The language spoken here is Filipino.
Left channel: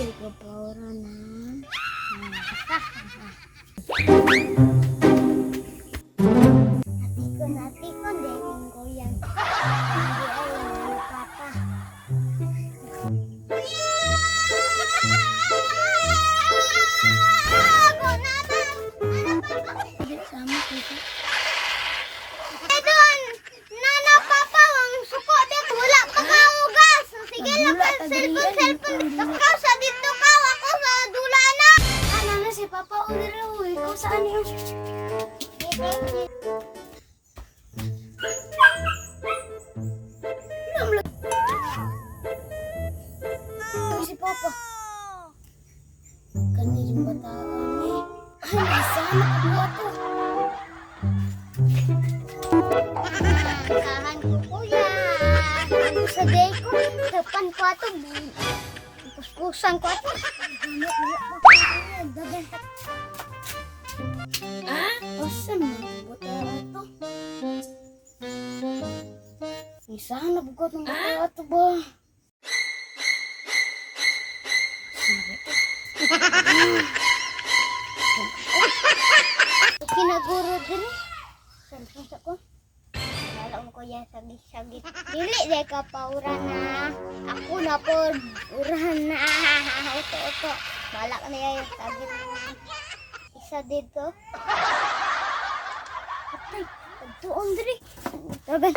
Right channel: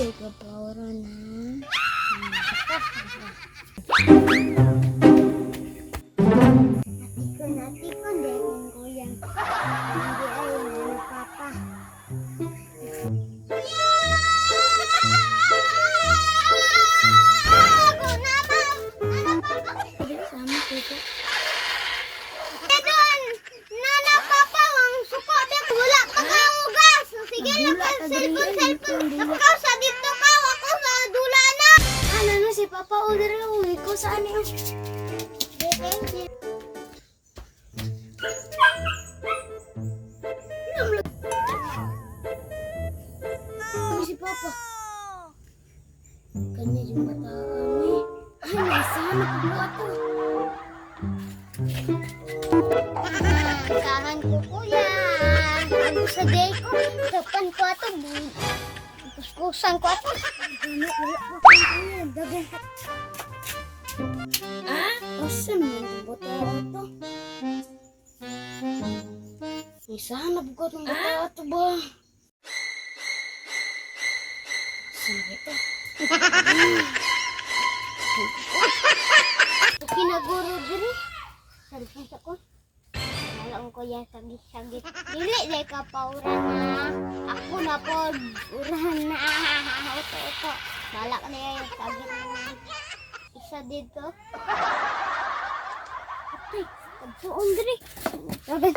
Di ka paura na. Natikon, dating ko yan. Hindi ayaw ni Papa. Ako naman! Sama dito. Doon! Nana, Papa, ang suko din. Wala pa kaugas. Sige lang ka, cellphone. Ikaw sa dito ka, ako sa dula na. Ano na si Papa, order lang. Ikaw saan yung... Si Papa. Kanya yung bataan eh. Ay, sana ka ba ito? Sarahan ko kuya. Ano sa day ko? Depan ko ito. Kuskusan ko ito. Asan mo? Bataan ito. Sana bukat ng bataan ito ba? Kinaguro din eh. Salpon sa ko. Alam ko yan sagit-sagit. Dili day ka paura na. Ako na po. Urahan na. Ito. Bala ka na yung sagit. Isa dito. Ay, pagsuon din eh. Sabi.